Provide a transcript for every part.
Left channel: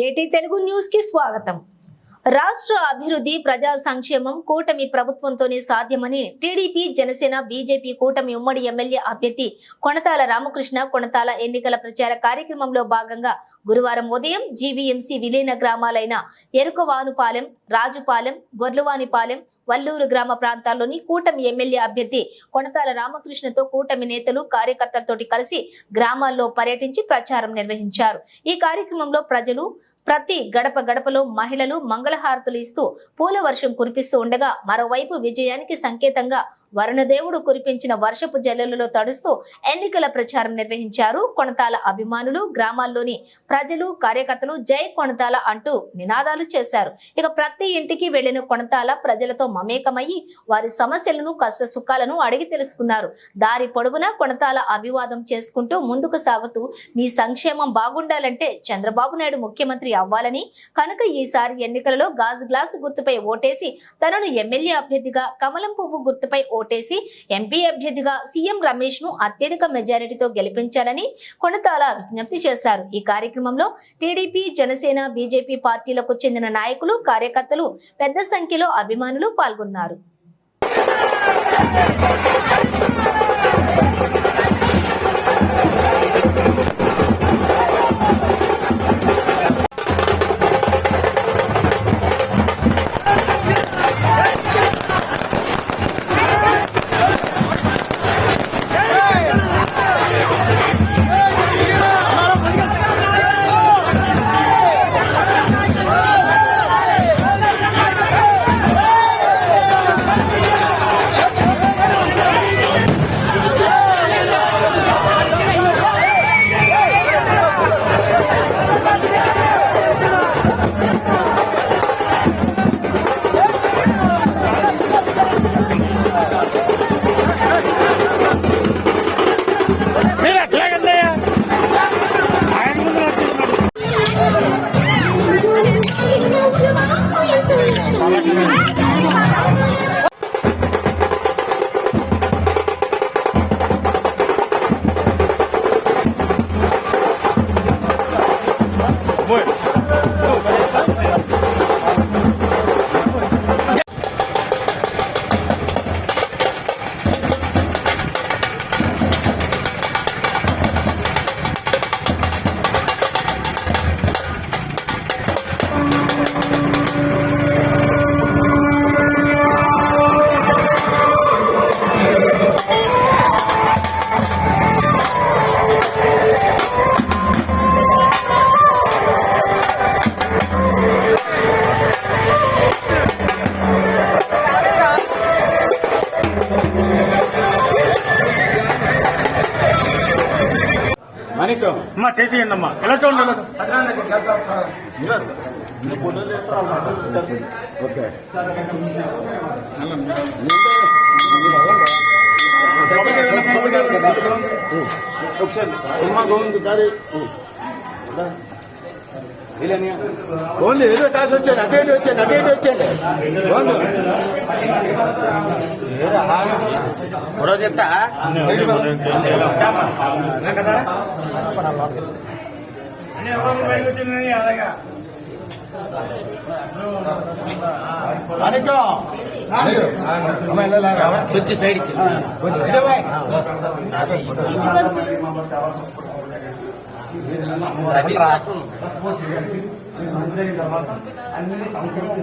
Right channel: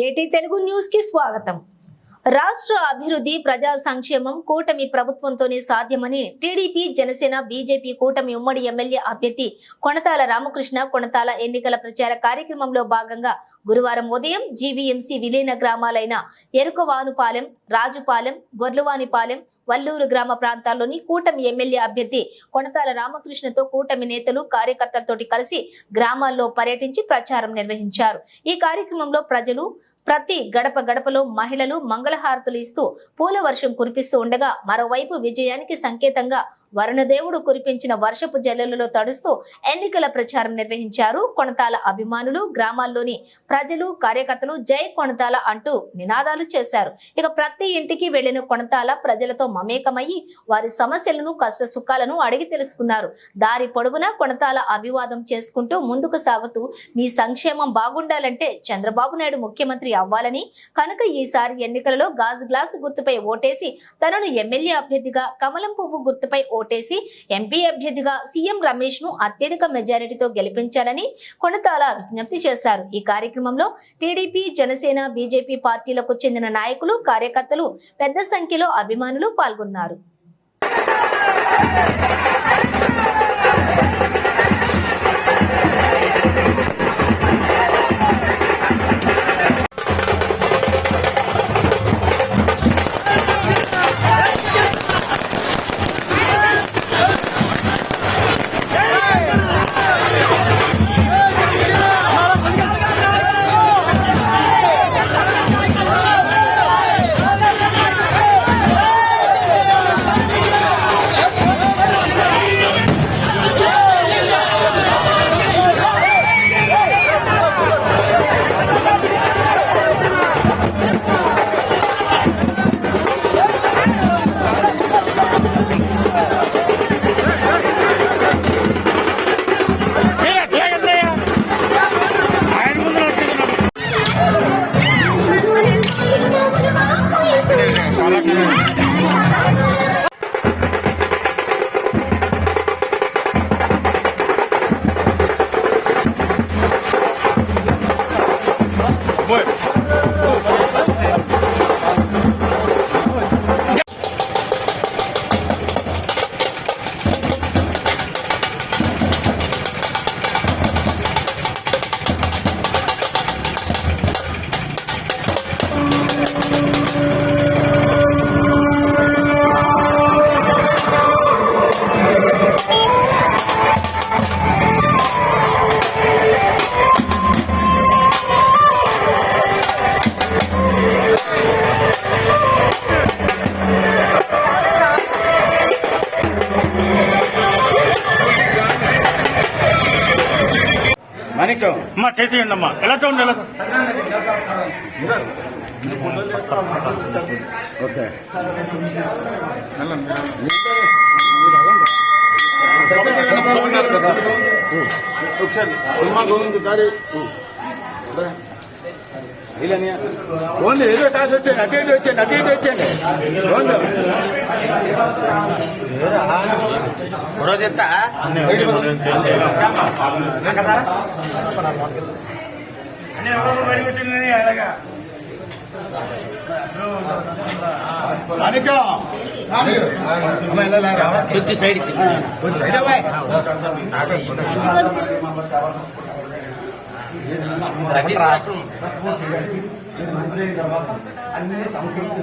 ఏటీ తెలుగు న్యూస్ కి స్వాగతం. రాష్ట్ర అభివృద్ధి ప్రజా సంక్షేమం కూటమి ప్రభుత్వంతోనే సాధ్యమని టీడీపీ జనసేన బీజేపీ కూటమి ఉమ్మడి ఎమ్మెల్యే అభ్యర్థి కొణతాల రామకృష్ణ కొణతాల ఎన్నికల ప్రచార కార్యక్రమంలో భాగంగా గురువారం ఉదయం జీవీఎంసీ విలీన గ్రామాలైన ఎరుకవానుపాలెం, రాజుపాలెం, గొర్లవానిపాలెం, వల్లూరు గ్రామ ప్రాంతాల్లోని కూటమి ఎమ్మెల్యే అభ్యర్థి కొణతాల రామకృష్ణతో కూటమి నేతలు కార్యకర్తలతోటి కలిసి గ్రామాల్లో పర్యటించి ప్రచారం నిర్వహించారు. ఈ కార్యక్రమంలో ప్రజలు ప్రతి గడప గడపలో మహిళలు మంగళహారతులు ఇస్తూ పూల వర్షం కురిపిస్తూ ఉండగా మరోవైపు విజయానికి సంకేతంగా వరుణదేవుడు కురిపించిన వర్షపు జల్లులలో తడుస్తూ ఎన్నికల ప్రచారం నిర్వహించారు. కొణతాల అభిమానులు గ్రామాల్లోని ప్రజలు కార్యకర్తలు జై కొణతాల అంటూ నినాదాలు చేశారు. ఇక ప్రతి ఇంటికి వెళ్లిన కొణతాల ప్రజలతో మమేకమయ్యి వారి సమస్యలను కష్ట సుఖాలను అడిగి తెలుసుకున్నారు. దారి పొడవునా కొణతాల అభివాదం చేసుకుంటూ ముందుకు సాగుతూ మీ సంక్షేమం బాగుండాలంటే చంద్రబాబు నాయుడు ముఖ్యమంత్రి అవ్వాలని, కనుక ఈసారి ఎన్నికలలో గాజు గ్లాసు గుర్తుపై ఓటేసి తనను ఎమ్మెల్యే అభ్యర్థిగా, కమలం పువ్వు గుర్తుపై ఓటేసి ఎంపీ అభ్యర్థిగా సీఎం రమేష్ ను అత్యధిక మెజారిటీతో గెలిపించాలని కొణతాల విజ్ఞప్తి చేశారు. ఈ కార్యక్రమంలో టీడీపీ, జనసేన, బీజేపీ పార్టీలకు చెందిన నాయకులు, కార్యకర్తలు పెద్ద సంఖ్యలో అభిమానులు పాల్గొన్నారు. అమ్మా చేతి అమ్మా ఎలా చూడండి ఒకసారి సినిమా గోవిందారి ఓన్లీ ఏరియా కాదు వచ్చాను అటు వచ్చండి అలాగా వచ్చి సైడ్ అన్ని సంస్కృతి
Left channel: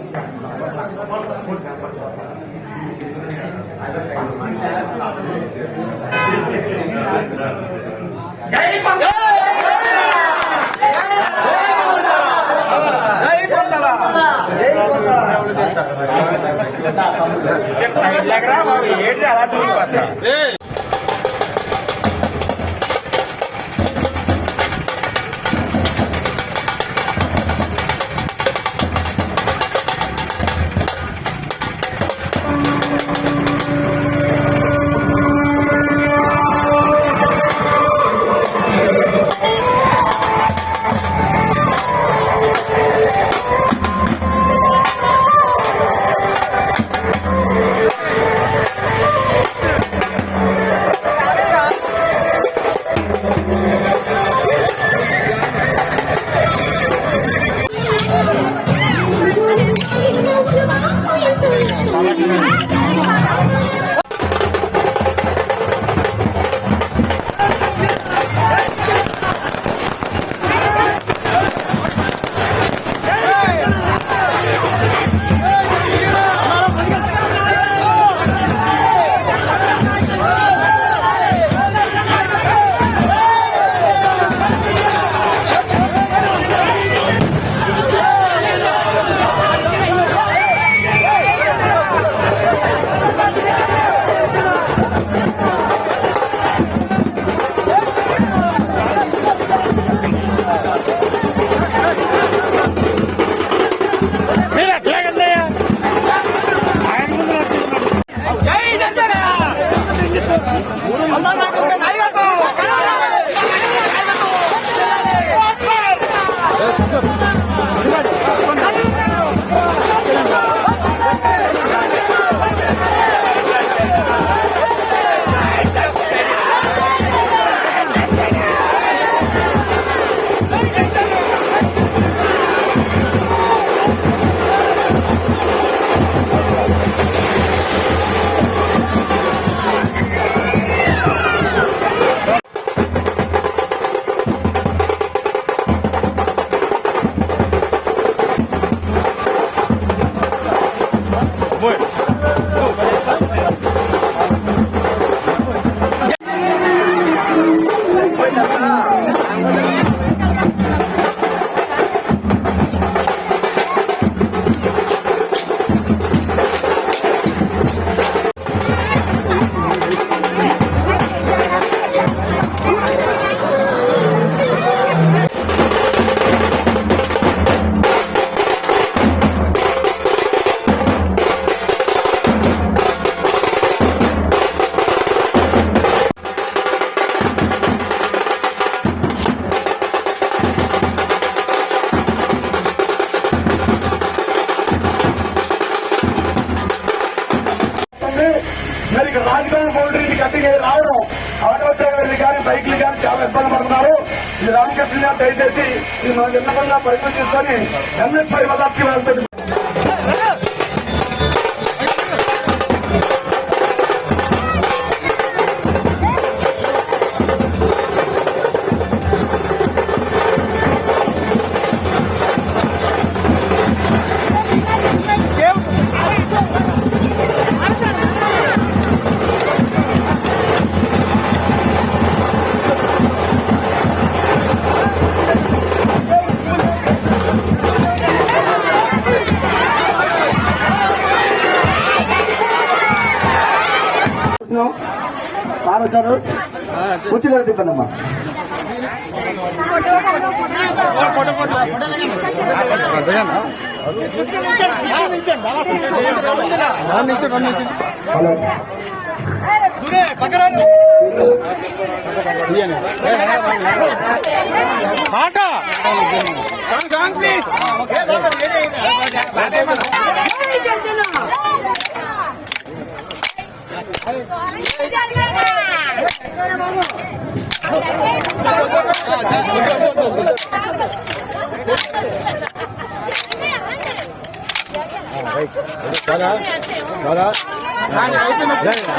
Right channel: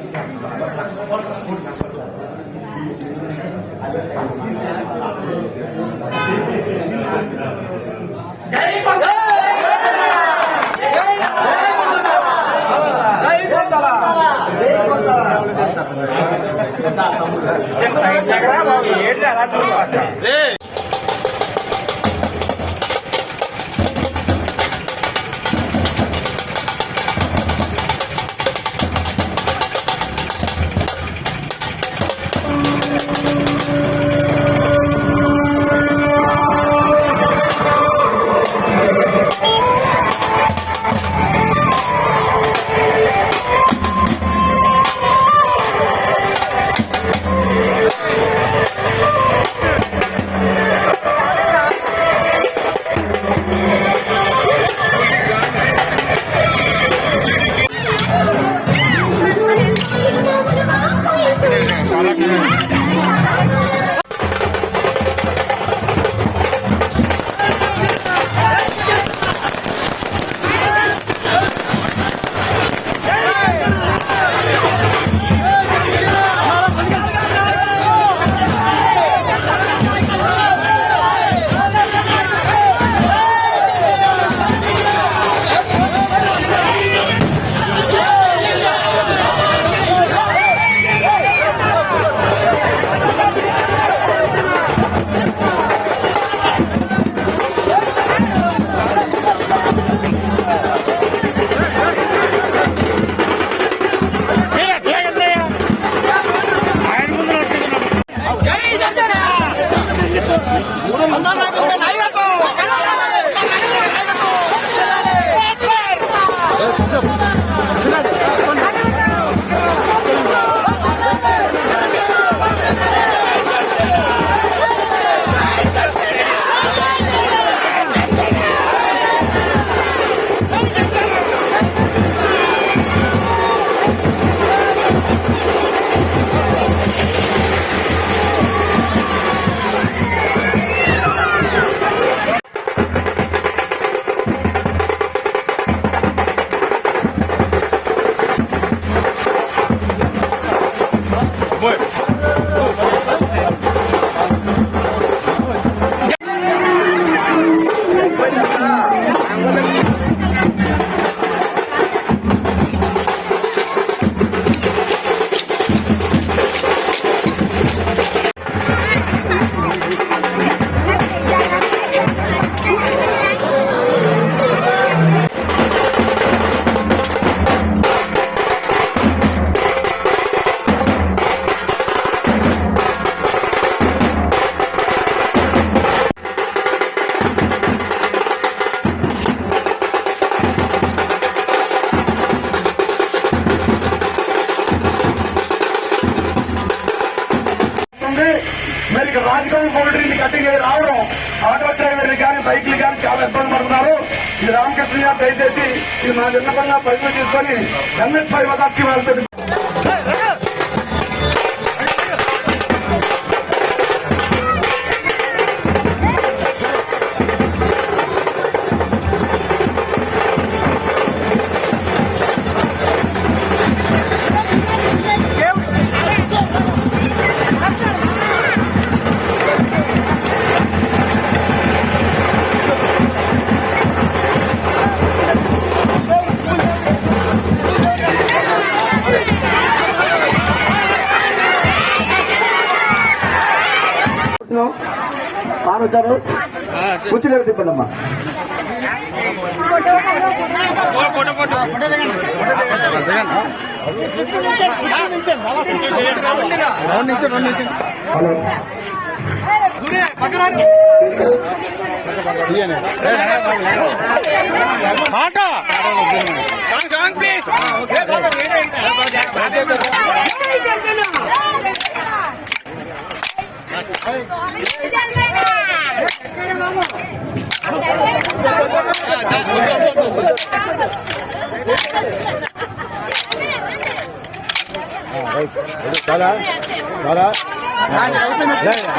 మరి రాజకీయ బౌండరీని కట్టిగా రావడం ఆటో డ్రైవర్లు కానీ బైక్లు కానీ చాలా ఇబ్బంది పడుతున్నారు. ఈ రామకృష్ణ గారు దయచేసి ఈ నా విన్నపంగా ప్రభుత్వం తీసుకొని అన్ని పరివర్తన వాళ్ళకి వచ్చారు కూర్చుని తిప్పండమ్మా.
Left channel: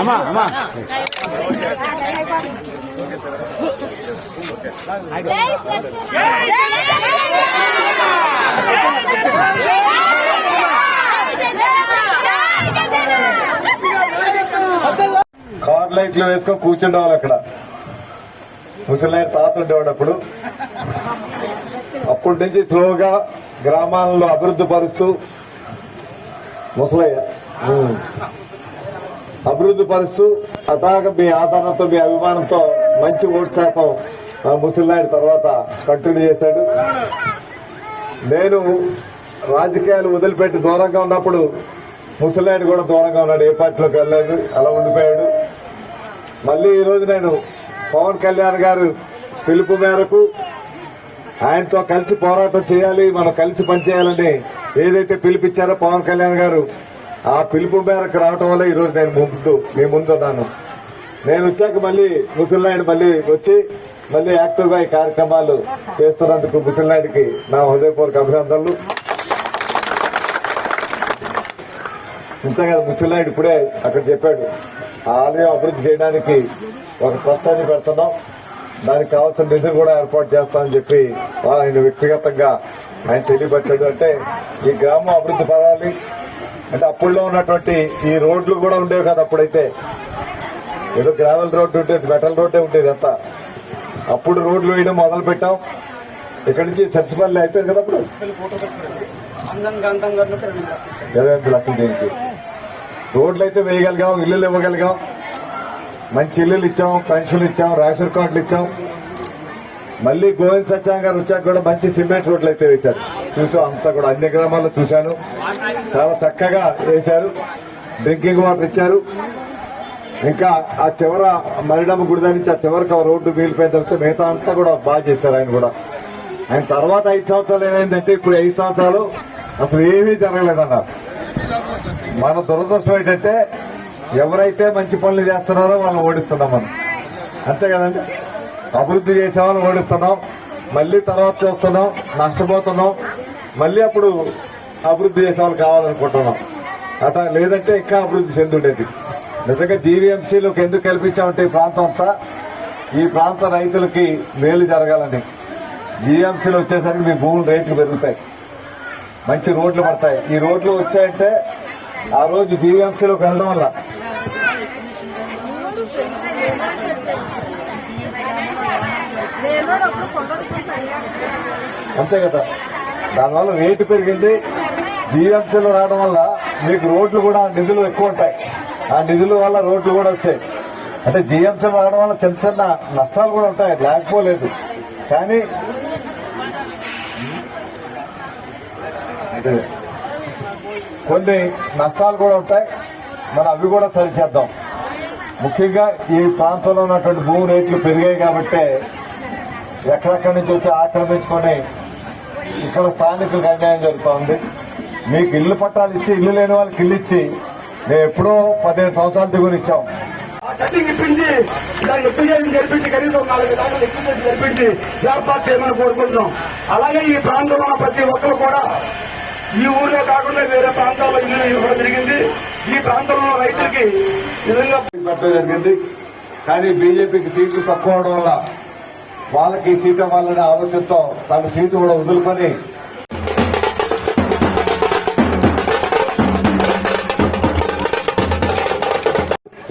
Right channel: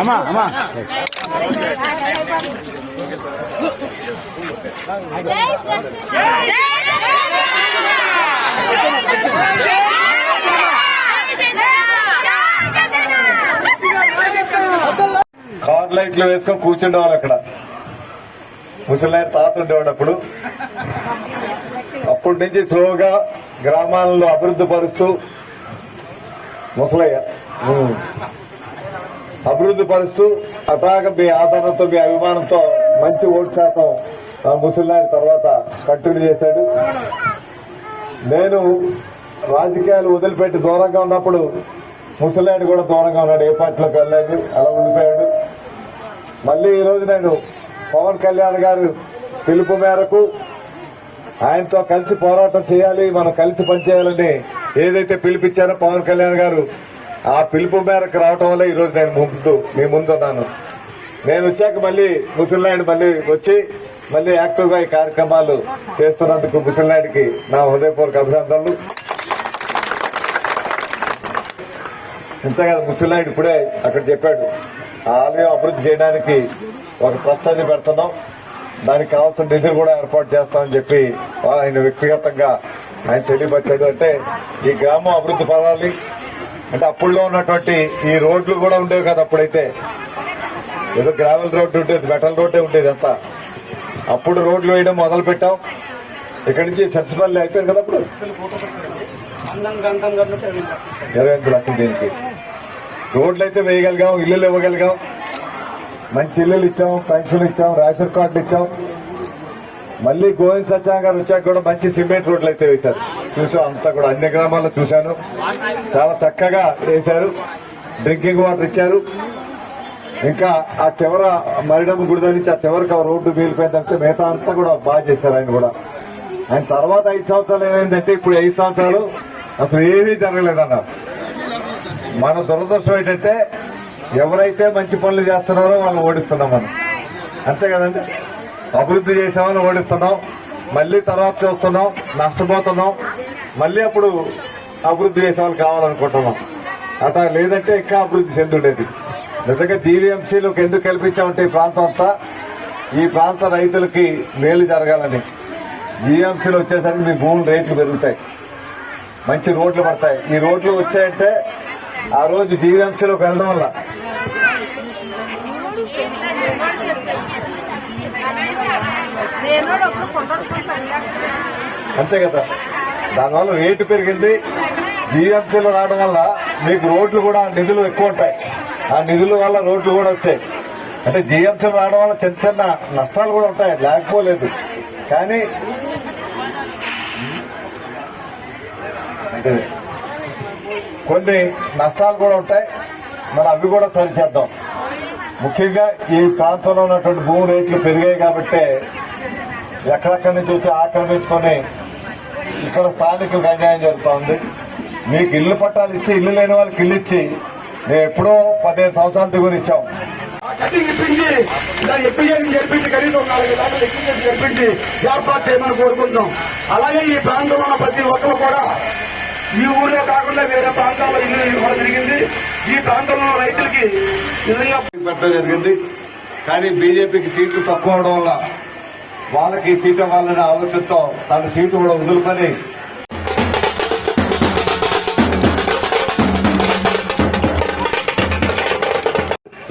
అమ్మా అమ్మా కార్ లైట్లు వేసుకొని కూర్చుండేవాళ్ళు అక్కడ. ముసలి తాత ఉండేవాడు అప్పుడు. అప్పటి నుంచి స్లోగా గ్రామాలలో అభివృద్ధి పరుస్తూ ముసలయ్య అభివృద్ధి పరుస్తూ అటాక మీ ఆదరణతో మీ అభిమానంతో మంచి ఓటు శాతం ముసలినాయుడు తర్వాత కంటిన్యూ చేశాడు. నేను రాజకీయాలు వదిలిపెట్టి దూరంగా ఉన్నప్పుడు ముసలినాయుడు కూడా దూరంగా ఉన్నాడు, ఏ పార్టీలోకి వెళ్ళలేదు, అలా ఉండిపోయాడు. మళ్ళీ ఈ రోజు నేను పవన్ కళ్యాణ్ గారు పిలుపు మేరకు ఆయనతో కలిసి పోరాటం చేయాలి, మనం కలిసి పనిచేయాలని ఏదైతే పిలిపించారో పవన్ కళ్యాణ్ గారు, ఆ పిలుపు మేరకు రావటం వల్ల ఈ రోజు నేను మీ ముందున్నాను. నేను వచ్చాక మళ్ళీ ముసలినాయుడు మళ్ళీ వచ్చి మళ్ళీ యాక్టివ్ గా ఈ కార్యక్రమాలు చేస్తున్నందుకు ముసలినాయుడికి నా హృదయపూర్వక అభినందనలు. ఇంతగా ముసలినాయుడు ఇప్పుడే అక్కడ చెప్పాడు, ఆలయం అభివృద్ధి చేయడానికి ఒక ట్రస్టాన్ని పెడుతున్నాం, దానికి కావాల్సిన నిధులు కూడా ఏర్పాటు చేస్తామని చెప్పి ఆయన వ్యక్తిగతంగా ఆయన తెలియపరిచాడు. అంటే ఈ గ్రామం అభివృద్ధి పడాలి అంటే అప్పుల్లో ఉన్నటువంటి ఈ రోడ్లు కూడా ఉండేవి కదా. అప్పుడైతే ఏదో గ్రావెల్ రోడ్డు ఉండేది, మెటల్ రోడ్డే ఉండేది అంతా. అప్పుడు రోడ్లు వేయడం మొదలు పెట్టాం. ఇక్కడి నుంచి సత్యపల్లి అయిపోయింది కదా అప్పుడు 25 లక్షలు. దీనికి రోడ్లు అయితే వేయగలిగాం, ఇల్లులు ఇవ్వగలిగాం, మంచి ఇల్లులు ఇచ్చాం, పెన్షన్లు ఇచ్చాం, రేషన్ కార్డులు ఇచ్చాం. మళ్ళీ గోవింద్ సత్యాం గారు వచ్చాక కూడా మంచి సిమెంట్ రోడ్లు అయితే వేశారు. చూసాం అంతా కూడా అన్ని గ్రామాల్లో చూశాను, చాలా చక్కగా వేశారు. డ్రింకింగ్ వాటర్ ఇచ్చారు. ఇంకా ఆ చివర మరిడమ్మ గుడి దగ్గర నుంచి ఆ చివరికి ఆ రోడ్డు వీలిపోయిన తర్వాత మిగతా అంతా కూడా బాగా చేశారు ఆయన కూడా. ఆయన తర్వాత 5 సంవత్సరాలు ఏమైందంటే ఇప్పుడు 5 సంవత్సరాలు అసలు ఏమీ జరగలేదన్నారు. మన దురదృష్టం ఏంటంటే ఎవరైతే మంచి పనులు చేస్తున్నారో వాళ్ళని ఓడిస్తున్నాం మనం, అంతే కదండి. అభివృద్ధి చేసే వాళ్ళని ఓడిస్తున్నాం, మళ్ళీ తర్వాత చూస్తున్నాం నష్టపోతున్నాం, మళ్ళీ అప్పుడు అభివృద్ధి చేసే వాళ్ళు కావాలనుకుంటున్నాం. అట్లా లేదంటే ఇంకా అభివృద్ధి చెందులేదు. నిజంగా జీవీఎంసీలోకి ఎందుకు కల్పించామంటే ఈ ప్రాంతం అంతా ఈ ప్రాంత రైతులకి మేలు జరగాలని. జీవీఎంసీలు వచ్చేసరికి మీ భూముల రేట్లు పెరుగుతాయి, మంచి రోడ్లు పడతాయి. ఈ రోడ్లు వచ్చాయంటే ఆ రోజు జీవీఎంసీలోకి వెళ్ళడం వల్ల అంతే కదా, దానివల్ల రేటు పెరిగింది. జీవీఎంసీలో రావడం వల్ల మీకు రోడ్లు కూడా నిధులు ఎక్కువ ఉంటాయి, ఆ నిధుల వల్ల రోడ్లు కూడా వచ్చాయి. అంటే జీవీఎంసీలో రావడం వల్ల చిన్న చిన్న నష్టాలు కూడా ఉంటాయి, లేకపోలేదు. కానీ అంటే కొన్ని నష్టాలు కూడా ఉంటాయి, మనం అవి కూడా సరిచేద్దాం. ముఖ్యంగా ఈ ప్రాంతంలో ఉన్నటువంటి భూమి రేట్లు పెరిగాయి కాబట్టి ఎక్కడెక్కడి నుంచి వచ్చి ఆక్రమించుకొని ఇక్కడ స్థానికులకు అన్యాయం జరుగుతూ ఉంది. మీకు ఇల్లు పట్టాలు ఇచ్చి ఇల్లు లేని వాళ్ళకి ఇల్లు ఇచ్చి మేము ఎప్పుడో 15 సంవత్సరాల దిగుని ఇచ్చాం. కటింగ్ ఇప్పించి దాన్ని ఎప్పిజేషన్ జరిపించి కనీసం 4 దాకా ఎప్పిజేషన్ జరిపించి ఏర్పాటు చేయమని కోరుకుంటాం. అలాగే ఈ ప్రాంతంలో ఉన్న ప్రతి ఒక్కరు కూడా ఈ ఊళ్ళో కాకుండా వేరే ప్రాంతాల్లో ఇల్లు ఇవ్వడం జరిగింది. ఈ ప్రాంతంలో రైతులకి ఇల్లు పెట్టడం జరిగింది. కానీ బీజేపీకి సీట్లు తక్కువ అవడం వల్ల వాళ్ళకి సీట్ ఇవ్వాలనే ఆలోచనతో తన సీటు కూడా వదులుకొని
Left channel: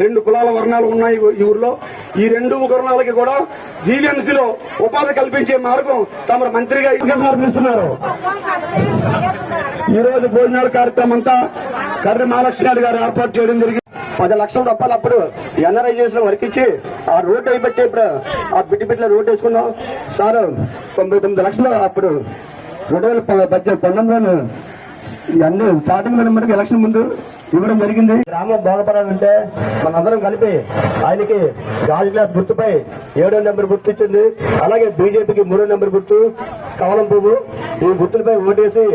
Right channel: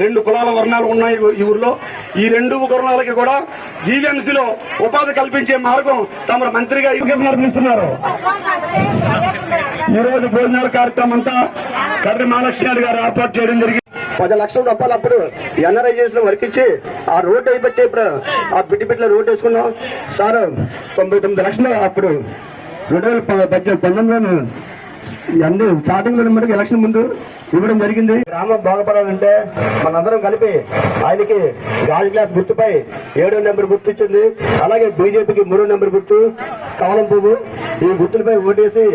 రెండు కులాల వర్ణాలు ఉన్నాయి ఈ ఊర్లో. ఈ 2 వర్ణాలకి కూడా జీవీఎంసీలో ఉపాధి కల్పించే మార్గం తమ మంత్రిగా నిర్మిస్తున్నారు. ఈ రోజు భోజనాల కార్యక్రమం అంతా కర్రి మహాలక్ష్మి గారు ఏర్పాటు చేయడం జరిగింది. 10 లక్షల రూపాయలు అప్పుడు ఎన్ఆర్ఐజేషన్ వర్క్ ఇచ్చి ఆ రోడ్ అయిపోతే ఇప్పుడు ఆ బిడ్డ రోడ్ వేసుకున్నాం సార్. 99 లక్షలు అప్పుడు 2019లో అన్ని స్టార్టింగ్ నెంబర్కి ఎలక్షన్ ముందు ఇవ్వడం జరిగింది. గ్రామం బాగుపడాలంటే మనందరం కలిపి ఆయనకి గాజు గ్లాస్ గుర్తుపై 7వ నెంబర్ గుర్తు ఇచ్చింది. అలాగే బీజేపీకి 3వ నెంబర్ గుర్తు కమలం పువ్వు. ఈ గుర్తులపై ఓటేసి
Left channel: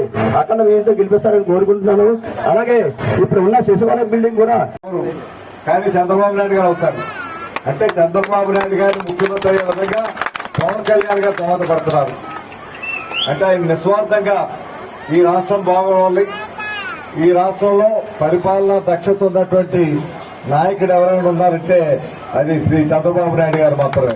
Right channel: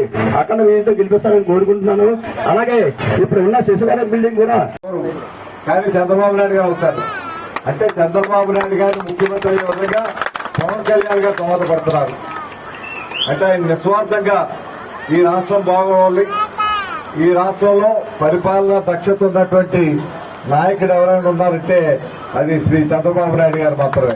అక్కడ మీతో గెలిపిస్తారని కోరుకుంటున్నాను. అలాగే ఇప్పుడు ఉన్న శిశువాలయం బిల్డింగ్ కూడా కానీ చంద్రబాబు నాయుడు గారు అవుతారు. అంటే చంద్రబాబు నాయుడు గారు ముఖ్యమంత్రి అయ్యే విధంగా పవన్ కళ్యాణ్ గారు దోహదపడుతున్నారు. అంటే ఆయన నిస్వార్థంగా ఈ రాష్ట్రం బాగోవాలి, ఈ రాష్ట్రంలో పరిపాలన దక్షత ఉన్నటువంటి నాయకుడు ఎవరైనా ఉన్నారంటే అది శ్రీ చంద్రబాబు నాయుడు గారు మాత్రమే.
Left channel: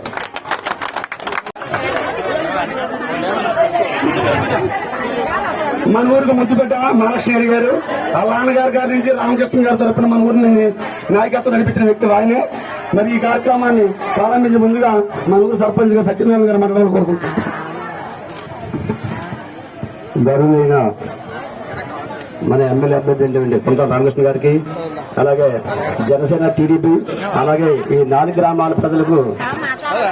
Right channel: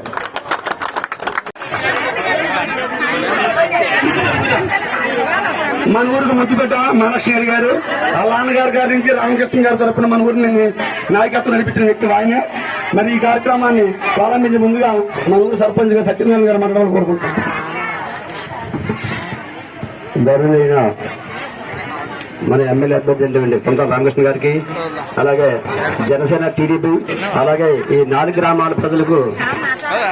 మన ఊరికి ముద్దుపేట మహాలక్ష్మి గారు వాళ్ళ నాన్నగారి గారి నుంచి రామకృష్ణ గారి తరఫున మన ఊరిని నాయకత్వం నడిపించిన వ్యక్తి ఆయన. మరి ఈ కార్యక్రమాన్ని ప్రారంభించే ముందుగా మన ఊరు సర్పంచ్ గారు సత్యనారాయణ గారు మాట్లాడాలని కోరుకుంటున్నాం. గౌరవనీయ మన ఎమ్మెల్యే అభ్యర్థి కొంత రామకృష్ణ గారికి, అలాగే జనసేన టీడీపీ, అలాగే ఈ 4 గ్రామాల ప్రజలకు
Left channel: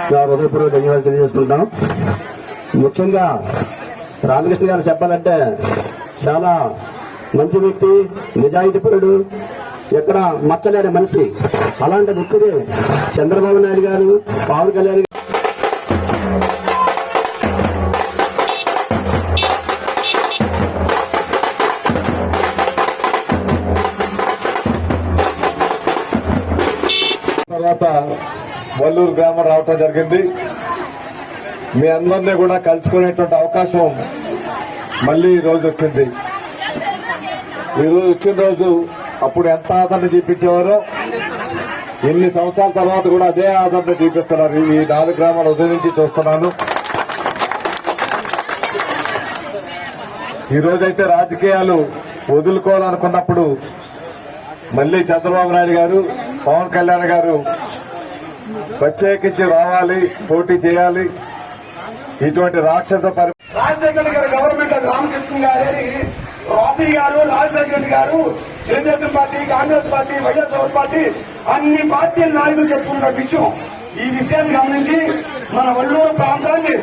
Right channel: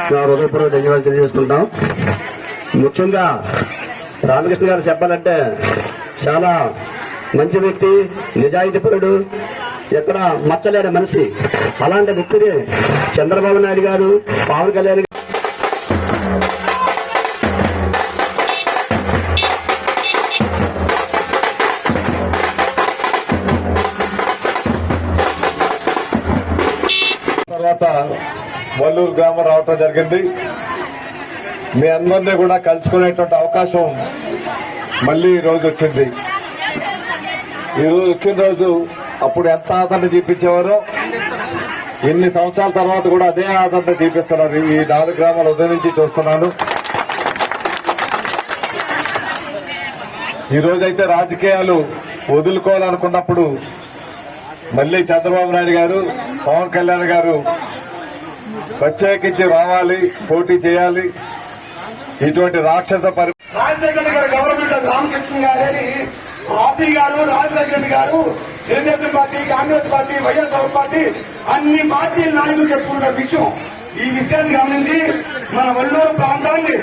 హృదయపూర్వక ధన్యవాదాలు తెలియజేసుకుంటాం. ముఖ్యంగా రామకృష్ణ గారు చెప్పాలంటే చాలా మంచి వ్యక్తి, నిజాయితీపరుడు, ఎక్కడ మచ్చలేని మనిషి. అలాంటి వ్యక్తిని చంద్రబాబు నాయుడు గారు, పవన్ కళ్యాణ్ తర్వాత వల్లూరు గ్రామం రావటం జరిగింది. మీ అందరినీ కూడా కలుసుకునేటువంటి అవకాశం మళ్ళీ ఈ రోజు వచ్చింది. ఈ రోజు వచ్చిన రోజు అప్పుడు ఎంత ఆదరణ చూపించేవారో ఎన్ని సంవత్సరాల తర్వాత కూడా అదే ఆదరణ చూపిస్తున్నారు. ఈ 4 గ్రామాల ఉదయం నుంచి చూస్తున్నాను. ఈ రోజైతే రాజకీయాలు వదులుకోవాలనుకున్నప్పుడు మళ్ళీ చంద్రబాబు నాయుడు గారు, పవన్ కళ్యాణ్ గారు ప్రత్యేకించి రావాలి, పోటీ చేయాలి. ఇటువంటి రాక్షస రాజశేఖర్ గారి గవర్నమెంట్ రామకృష్ణ గారు, రాజీ గారు, రాజశేఖర్ గారు, Telugu Desam party, Congress party, YSR party అన్ని పార్టీల నాయకులు చెప్పుకున్న విషయం. ఈ విషయాన్ని గమనించి మన వల్లూరు ప్రాంతాన్ని